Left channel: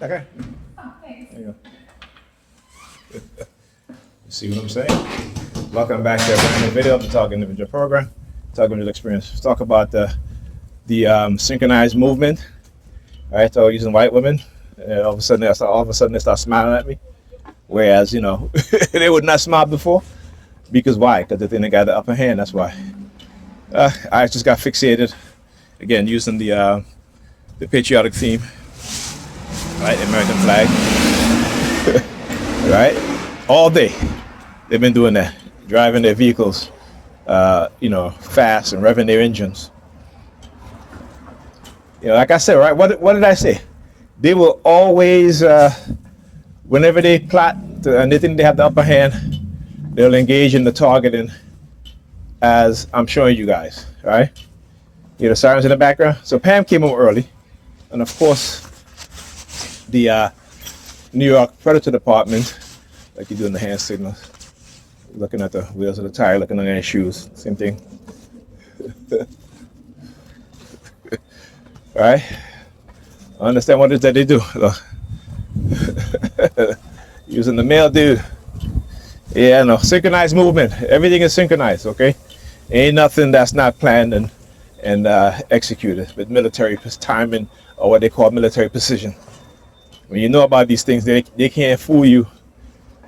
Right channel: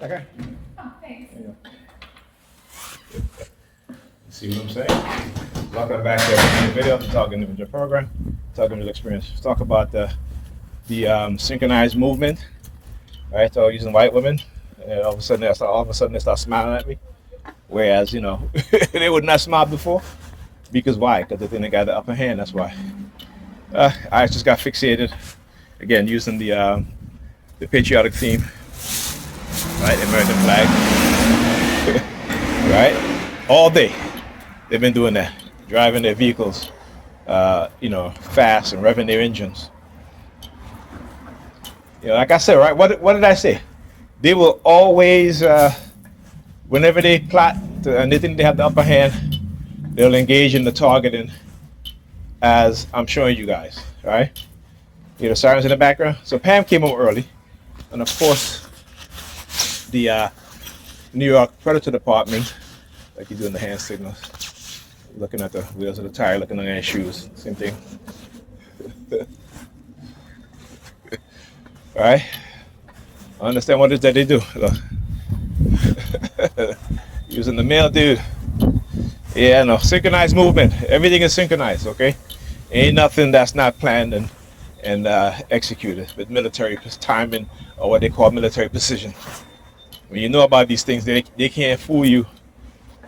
Okay. Oh, thanks. There you go. You see what I'm saying? Welcome back to the video, the Talk Individual program, Talk Individual Experience. Let's talk about the synchronized movement. All right, so using white women, and all of a sudden they start smiling at me. Whereas they would not smile before, because why? Because they think they got the upper hand. That's why. I just got fixated again using the patriotic theme, right? The American flag, right? All day they've been doing that, driving their vehicles, fast and revving their engines. Like I said, right? What did I say? They will always, whenever they plot and they think they have the upper hand, they'll engage in the targeting, as I'm showing you guys, right? The sirens in the background. So Pam came home early, and of course, the New York Predator Department, like you do in the hand signals, looking at the wheels of the tire, looking at their shoes, same thing. Right? I understand what it is that they do. Look. Using the male dude. Yeah, no, synchronized movement. Everything is synchronized, okay? Ain't nothing that's not planned and executed with military timing, or what they call military precision. When you know about these things, they can't fool you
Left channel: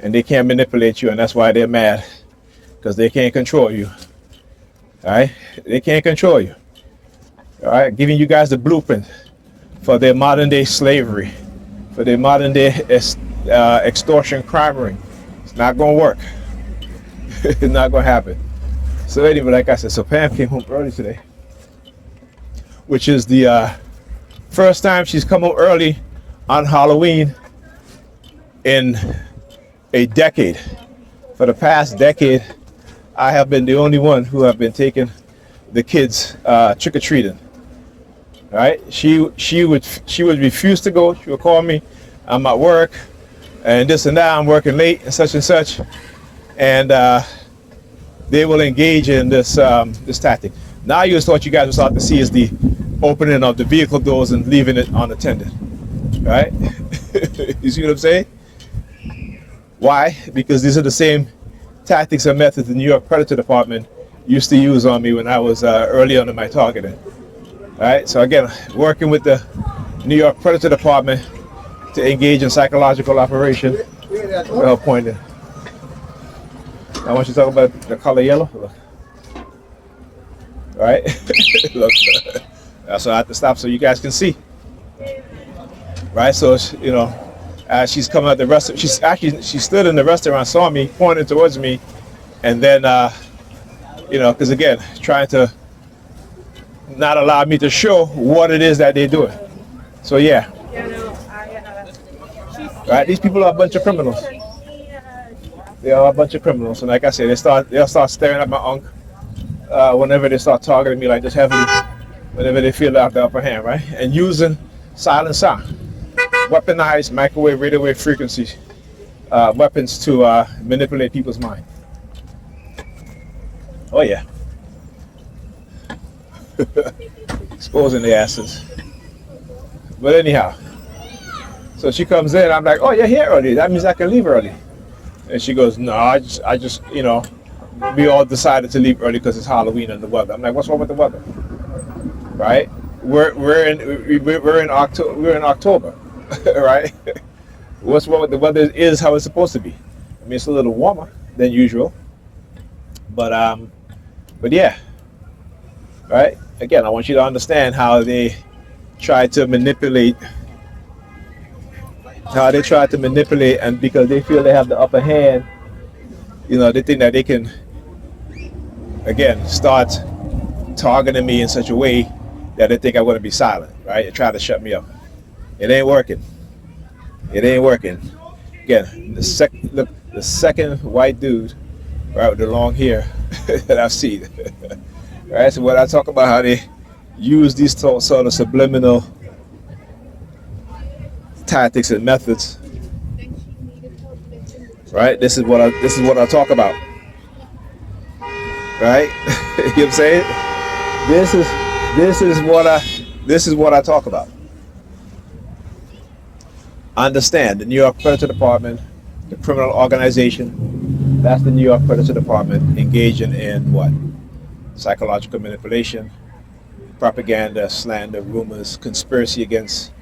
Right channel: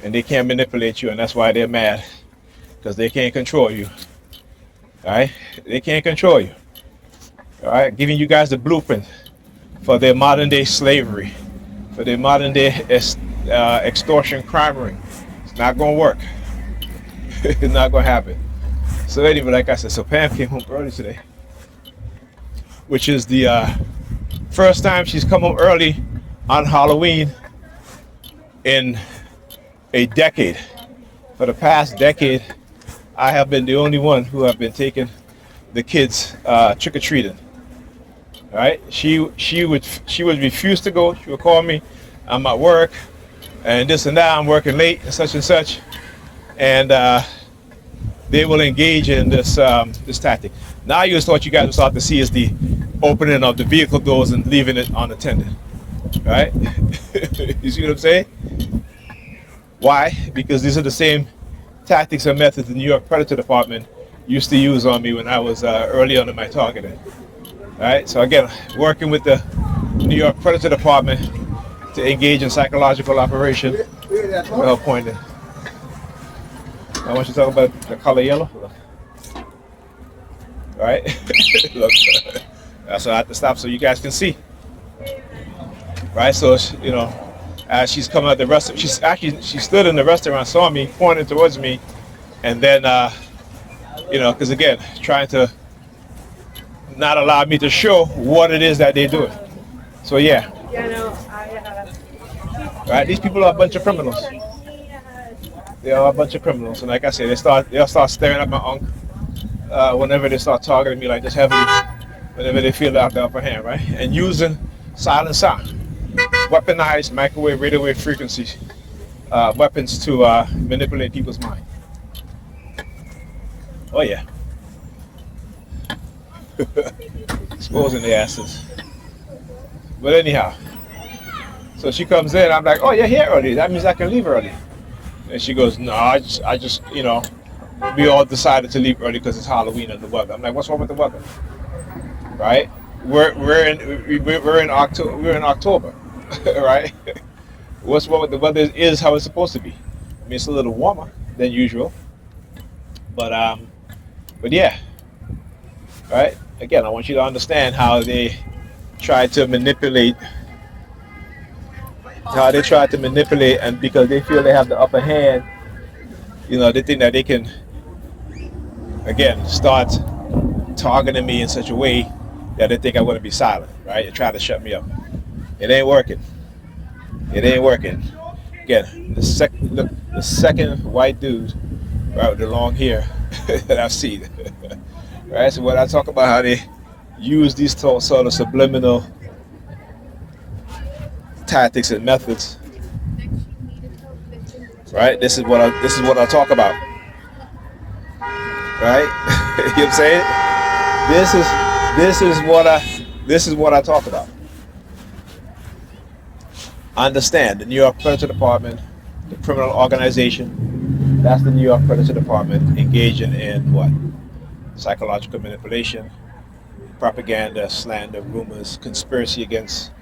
and they can't manipulate you, and that's why they're mad, because they can't control you. All right? They can't control you. All right? Giving you guys the blueprint for their modern day slavery, for their modern day extortion crime ring. It's not going to work. It's not going to happen. So anyway, like I said, so Pam came home early today, which is the first time she's come home early on Halloween in a decade. For the past decade, I have been the only one who have been taking the kids trick-or-treating. Right? She would refuse to go. She would call me, I'm at work, and this and that, I'm working late, and such, and they will engage in this tactic. Now you what you guys will start to see is the opening of the vehicle doors and leaving it unattended. Right? You see what I'm saying? Why? Because these are the same tactics and methods the New York Predator Department used to use on me when I was early on in my targeting. All right, so again, working with the New York Predator Department to engage in psychological operation. Well pointed. I want you to talk about the color yellow. Look. All right, look. So I have to stop so you guys can see. Right, so as she's coming out the restaurant, she stood in the restaurant, saw me, pointed towards me, and then because again, trying to not allow me to show what it is that they're doing. So yeah. Right, these people are a bunch of criminals. They are a bunch of criminals, and like I said, they'll start staring at my unk whenever they start targeting me like this heavily, whenever they feel they have the upper hand, right? And using silent sound, weaponized microwave, radio wave frequencies, weapons to manipulate people's mind. Oh yeah. Exposing the asses. But anyhow, so she comes in, I'm like, oh, you're here early, that means I can leave early. And she goes, no, I just we all decided to leave early because it's Halloween and the weather. I'm like, what's wrong with the weather? Right? We're in October, right? What's wrong with the weather is how it's supposed to be. I mean, it's a little warmer than usual, but yeah, right? Again, I want you to understand how they try to manipulate, and because they feel they have the upper hand, they think that they can, again, start targeting me in such a way that they think I'm going to be silent, right? And try to shut me up. It ain't working. It ain't working. Again, the second white dude, right, with the long hair that I've seen. Right, so when I talk about how they use these sort of subliminal tactics and methods, right? This is what I talk about, right? You know what I'm saying? This is what I talk about. understand the New York Predator Department, the criminal organization, that's the New York Predator Department engaging in what? Psychological manipulation, propaganda, slander, rumors, conspiracy against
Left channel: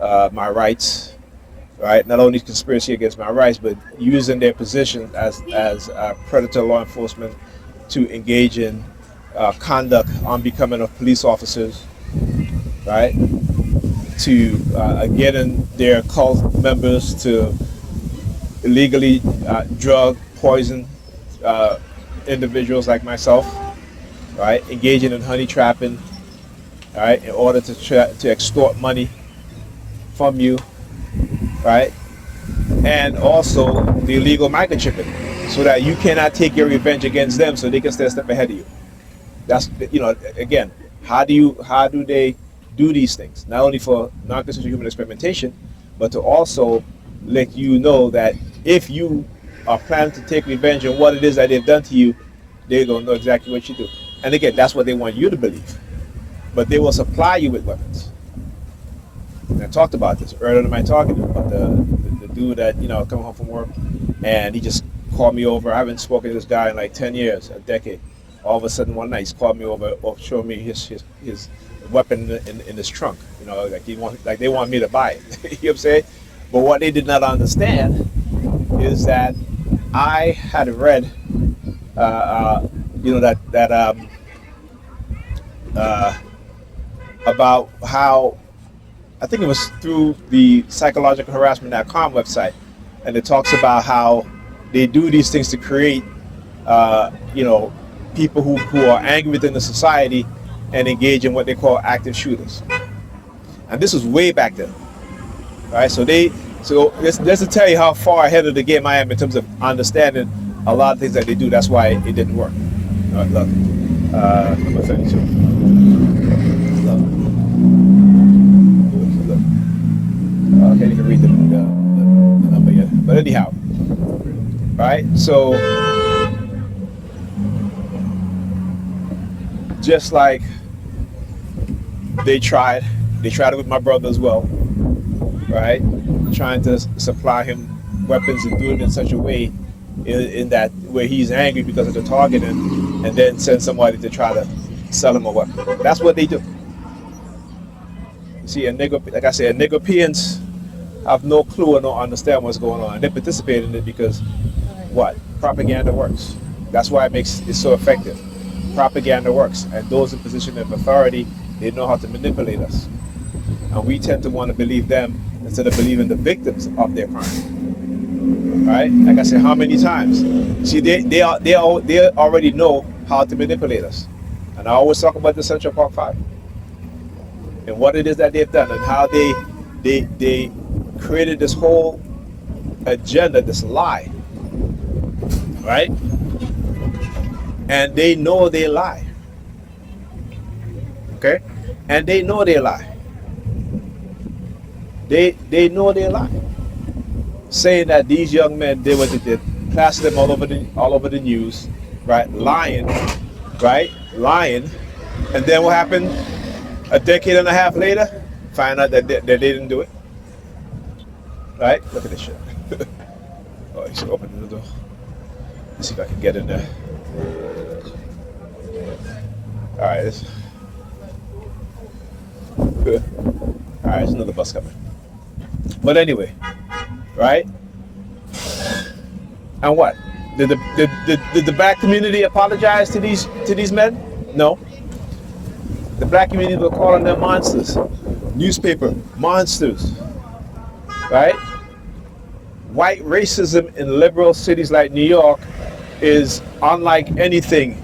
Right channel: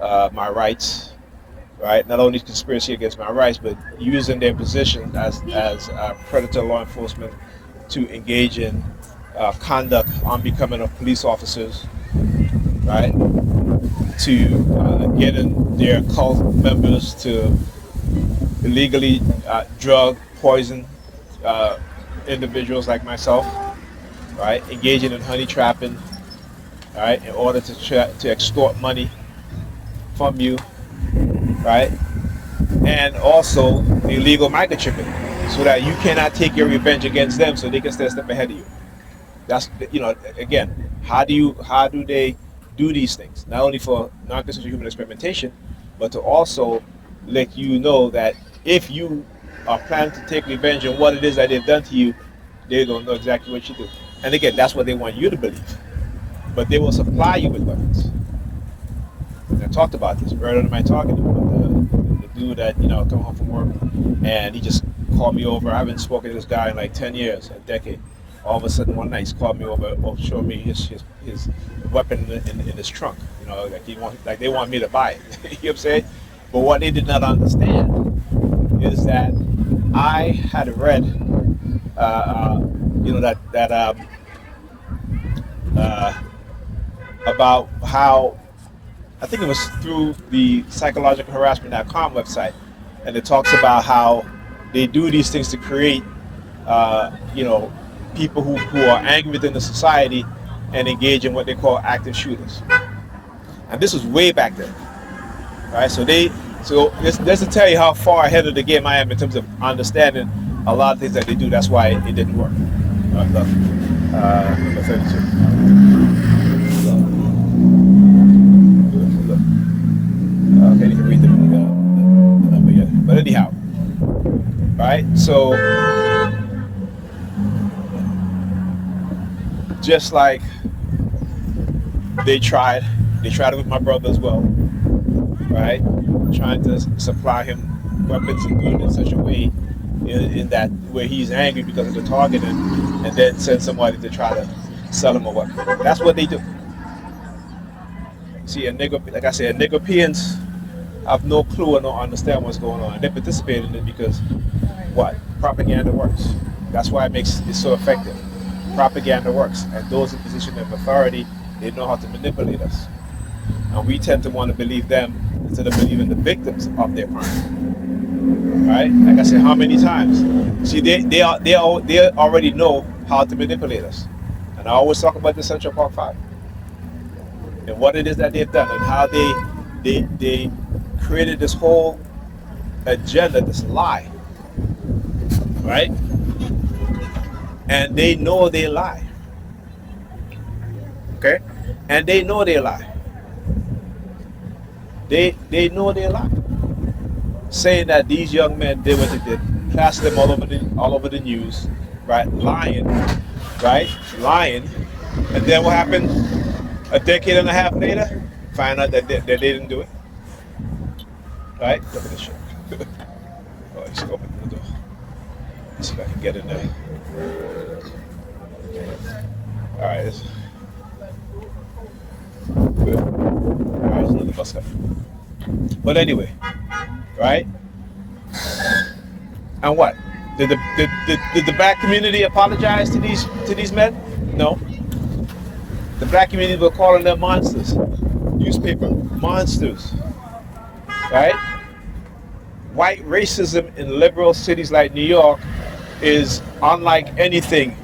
my rights, right? Not only conspiracy against my rights, but using their position as predator law enforcement to engage in conduct unbecoming of police officers, right? To getting their cult members to illegally drug, poison individuals like myself, right? Engaging in honey trapping, right? In order to extort money from you, right? And also the illegal microchipping, so that you cannot take your revenge against them, so they can stay a step ahead of you. That's, again, how do they do these things? Not only for non-consensual human experimentation, but to also let you know that if you are planning to take revenge on what it is that they've done to you, they're gonna know exactly what you do. And again, that's what they want you to believe. But they will supply you with weapons. And I talked about this earlier in my talking about the dude that come home from work, and he just called me over. I haven't spoken to this guy in like 10 years, a decade. All of a sudden one night he's called me over, showing me his weapon in his trunk. Like they want me to buy it. You know what I'm saying? But what they did not understand is that I had read, about how, I think it was through the psychologicalharassment.com website, and it talks about how they do these things to create, people who are angry within the society and engage in what they call active shooters. And this was way back then, right? So just to tell you how far ahead of the game I am in terms of understanding a lot of things that they do. That's why it didn't work. All right, look. Okay, you can read the number yet. But anyhow, right? So just like they tried it with my brother as well, right? Trying to supply him weapons and do it in such a way in that where he's angry because of the targeting, and then send somebody to try to sell him a weapon. That's what they do. See, like I said, Nigerians have no clue or don't understand what's going on. And they participate in it because what? Propaganda works. That's why it makes it so effective. Propaganda works, and those in position of authority, they know how to manipulate us. And we tend to want to believe them instead of believing the victims of their crime. Right? Like I said, how many times? See, they already know how to manipulate us. And I always talk about the Central Park Five and what it is that they've done, and how they created this whole agenda, this lie, right? And they know they lie. Okay? And they know they lie. They know they lie. Saying that these young men did what they did, plaster them all over the news, right? Lying, right? Lying. And then what happened? A decade and a half later, find out that they didn't do it. Right? Look at this shit. Oh, he's opening the door. Let's see if I can get in there. Alright, this good. Alright, there's another bus coming. But anyway, right? And what? Did the black community apologize to these men? No. The black community were calling them monsters. Newspaper monsters. Right? White racism in liberal cities like New York is unlike anything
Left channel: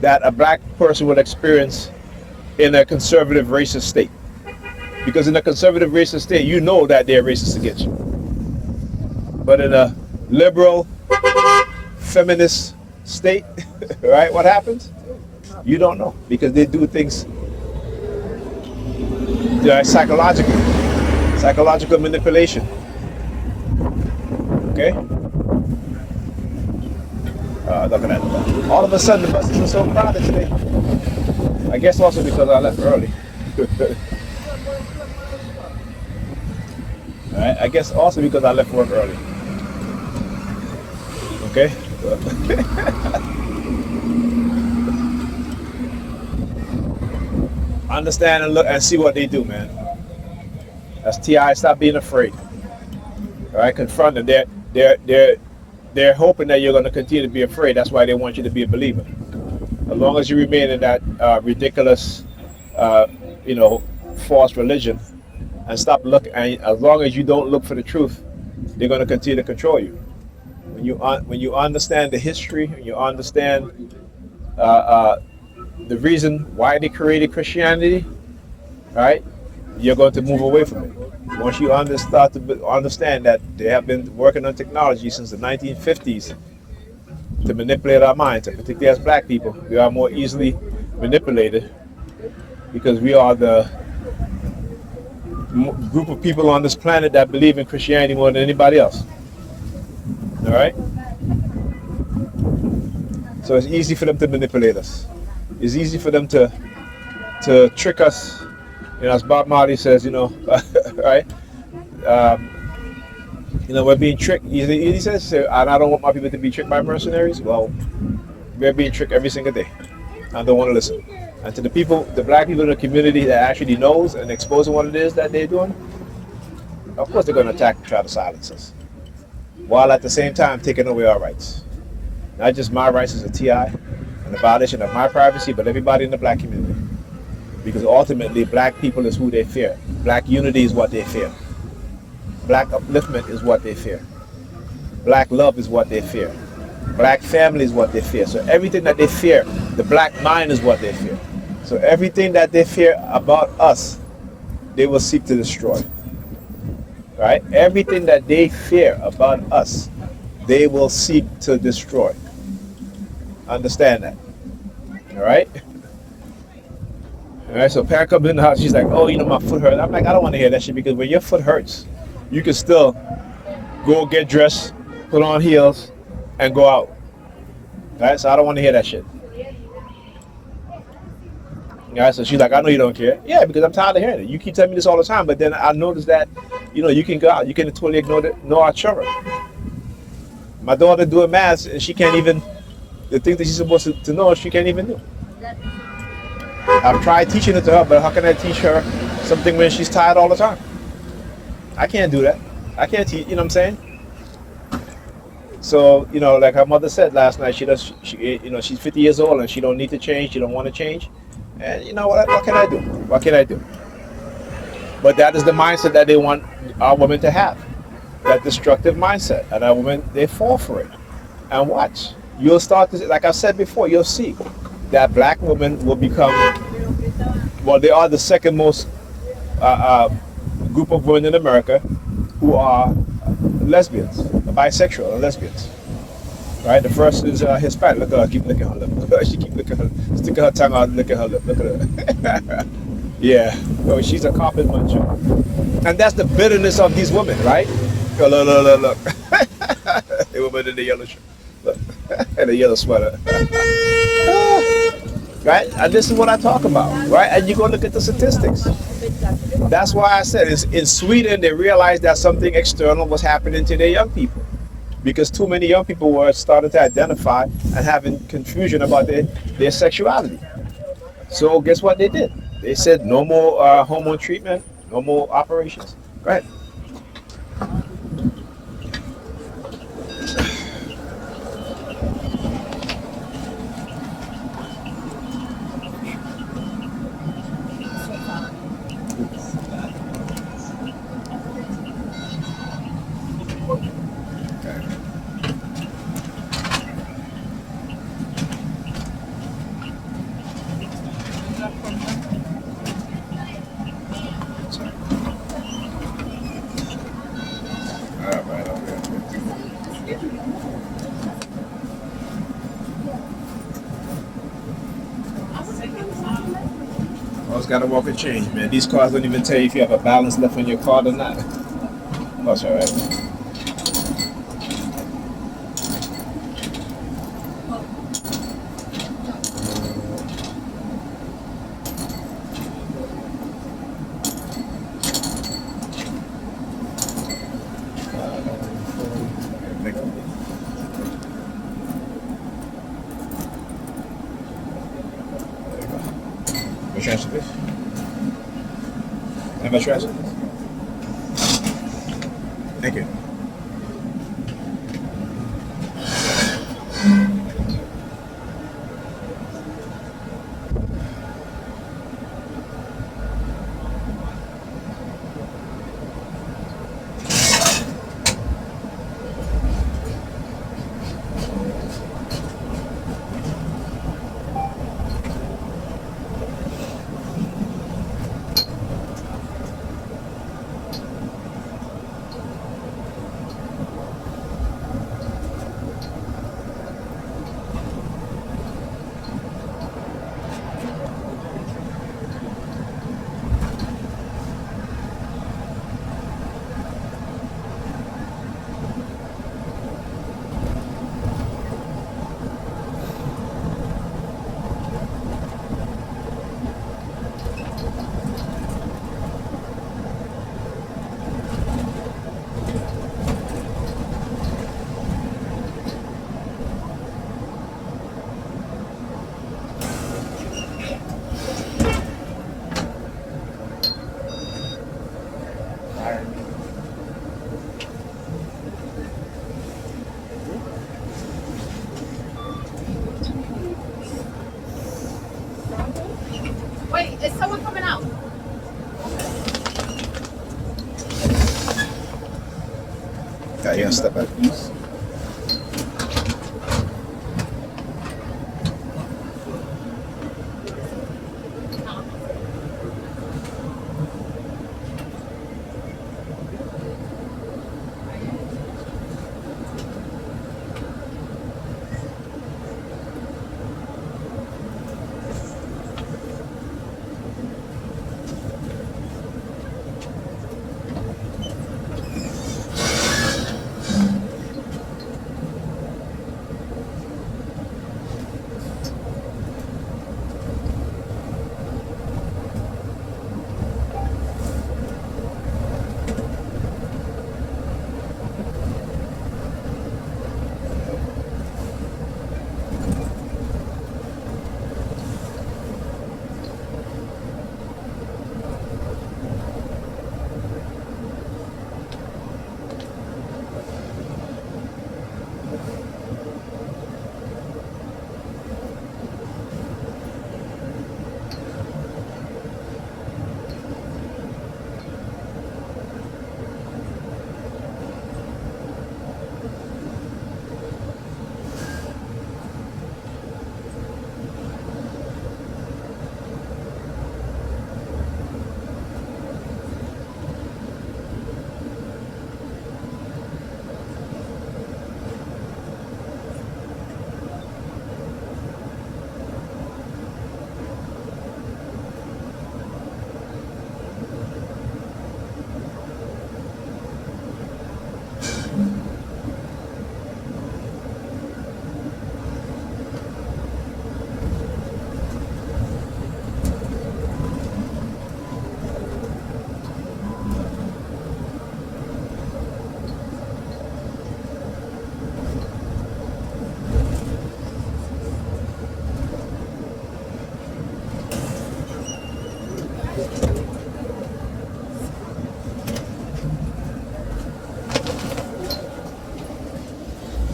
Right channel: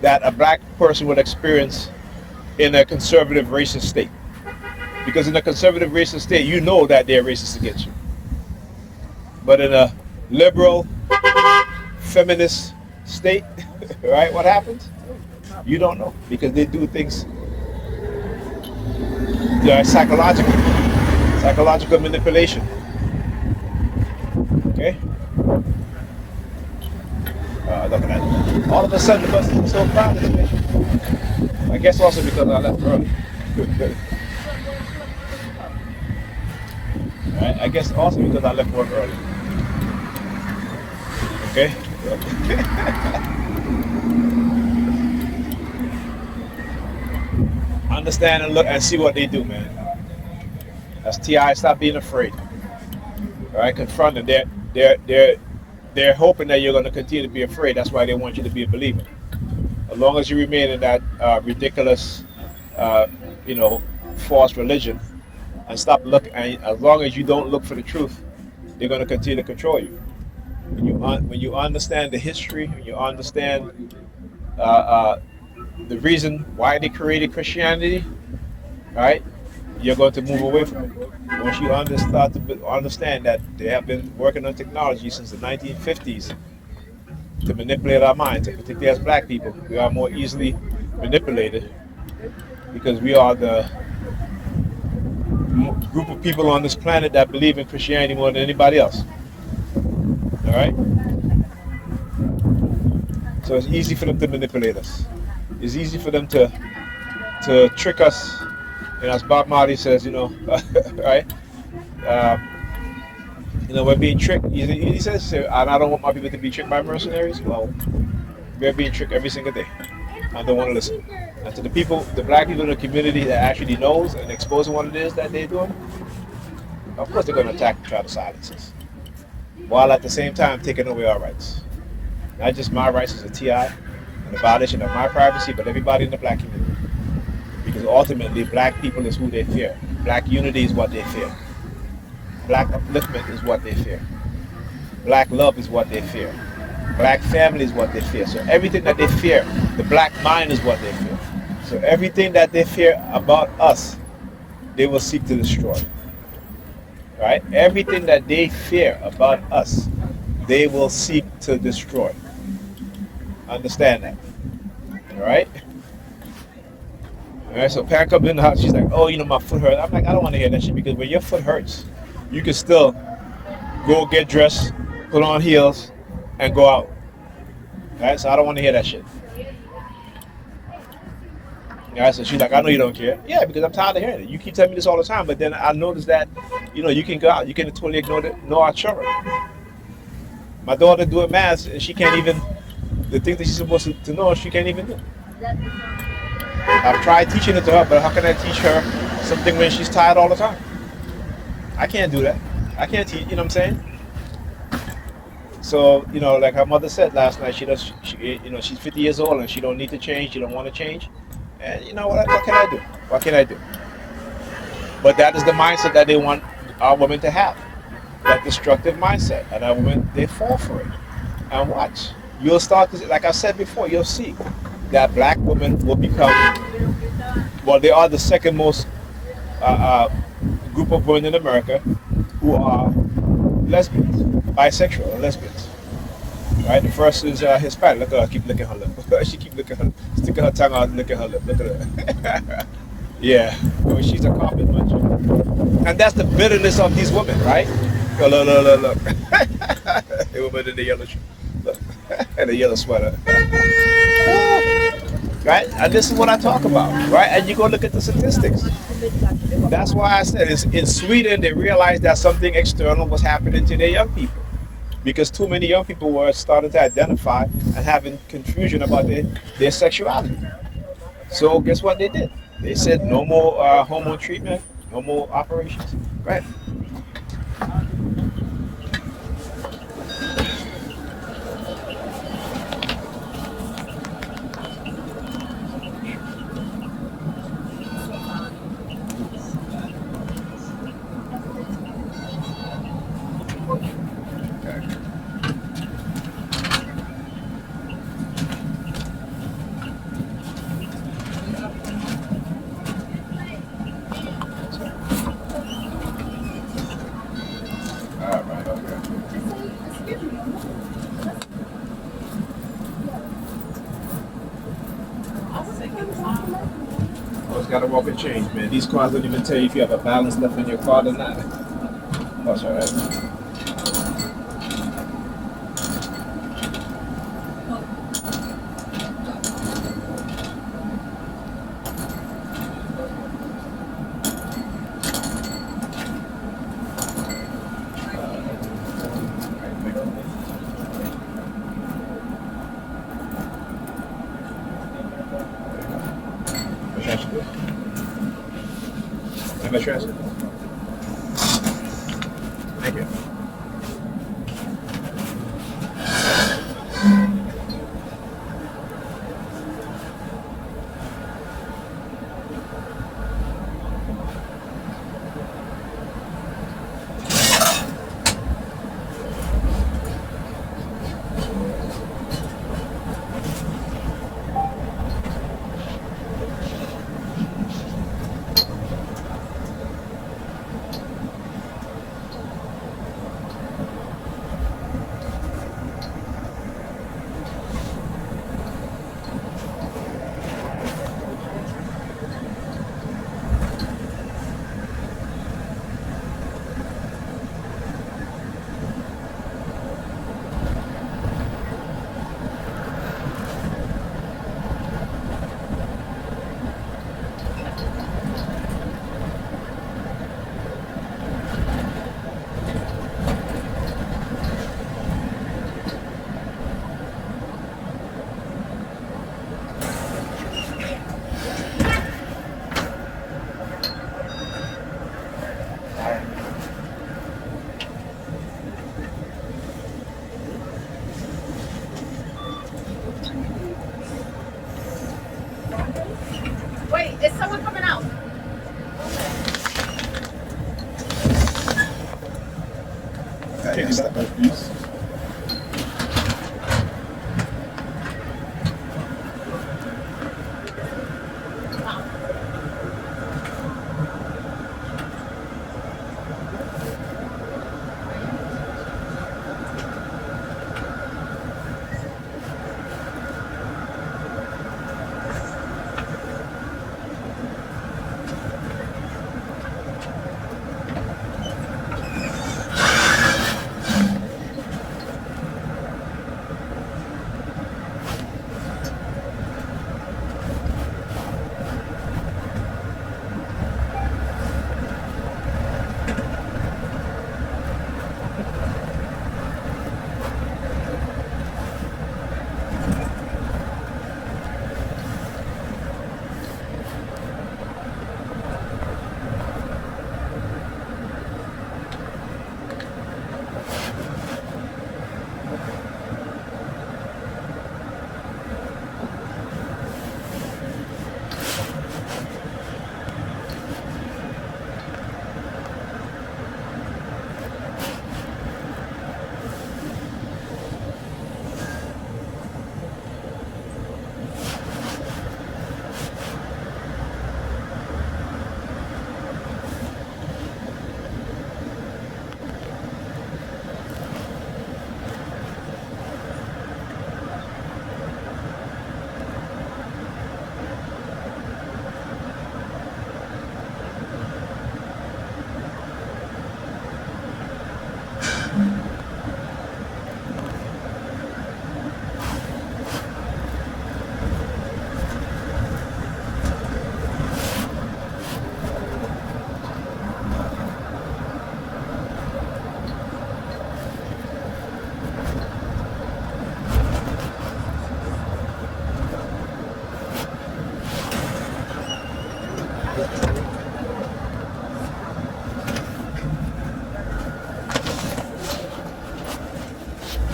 that a black person would experience in a conservative racist state. Because in a conservative racist state, you know that they're racist against you. But in a liberal, feminist state, right, what happens? You don't know, because they do things psychological manipulation. Okay? Look at that. All of a sudden, the bus isn't so crowded today. I guess also because I left early. Right? I guess also because I left work early. Okay? Understand and look and see what they do, man. That's TI. Stop being afraid. All right? Confront them. They're hoping that you're going to continue to be afraid. That's why they want you to be a believer. As long as you remain in that ridiculous, uh, you know, false religion, and stop looking, and as long as you don't look for the truth, they're going to continue to control you. When you understand the history, when you understand the reason why they created Christianity, right? You're going to move away from it. Once you understand that they have been working on technology since the 1950s to manipulate our minds, particularly as black people, we are more easily manipulated because we are the group of people on this planet that believe in Christianity more than anybody else. All right? So it's easy for them to manipulate us. It's easy for them to trick us. And as Bob Marley says, right? We're being tricked. He says, and I don't want my people to be tricked by mercenaries. Well, we're being tricked every single day. I don't want to listen. And to the people, the black people in the community that actually knows and exposing what it is that they're doing, of course they're going to attack and try to silence us, while at the same time taking away our rights. Not just my rights as a TI and the violation of my privacy, but everybody in the black community. Because ultimately, black people is who they fear. Black unity is what they fear. Black upliftment is what they fear. Black love is what they fear. Black family is what they fear. So everything that they fear, the black mind is what they fear. So everything that they fear about us, they will seek to destroy. Right? Everything that they fear about us, they will seek to destroy. Understand that. All right? All right, so Pat comes in the house, she's like, oh, my foot hurts. I'm like, I don't want to hear that shit, because when your foot hurts, you can still go get dressed, put on heels, and go out. All right, so I don't want to hear that shit. All right, so she's like, I know you don't care. Yeah, because I'm tired of hearing it. You keep telling me this all the time, but then I noticed that, you can go out. You can totally ignore our children. My daughter doing math, and she can't even, the things that she's supposed to know, she can't even do. I've tried teaching it to her, but how can I teach her something when she's tired all the time? I can't do that. I can't teach, you know what I'm saying? So, like her mother said last night, she's 50 years old and she don't need to change, she don't want to change. And what can I do? What can I do? But that is the mindset that they want our women to have. That destructive mindset. And our women, they fall for it. And watch. You'll start to, like I said before, you'll see that black women will become, well, they are the second most group of women in America who are lesbians, bisexual and lesbians. Right? The first is Hispanic. Look at her, keep licking her lip. She keep licking her, sticking her tongue out, licking her lip. Look at her. Yeah, well, she's a carpet muncher. And that's the bitterness of these women, right? Look. The woman in the yellow shirt. Look. And the yellow sweater. Right? And this is what I talk about, right? And you go look at the statistics. That's why I said in Sweden, they realized that something external was happening to their young people. Because too many young people were starting to identify and having confusion about their sexuality. So guess what they did? They said no more hormone treatment, no more operations. Right? Gotta walk and change, man. These cars don't even tell you if you have a balance left in your car or not. That's all right. transfer, please. How much transfer? Thank you. Wait, is someone coming out? Yeah, yeah, step back.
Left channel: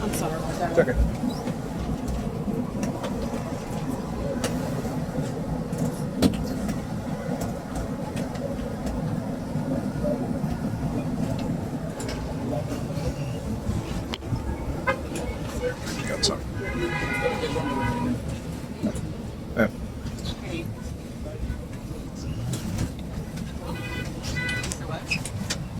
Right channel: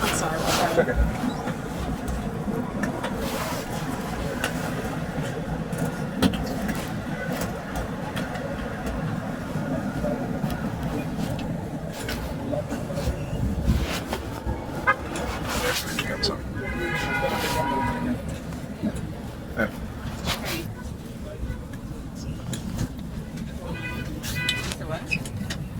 I'm sorry about that. It's okay.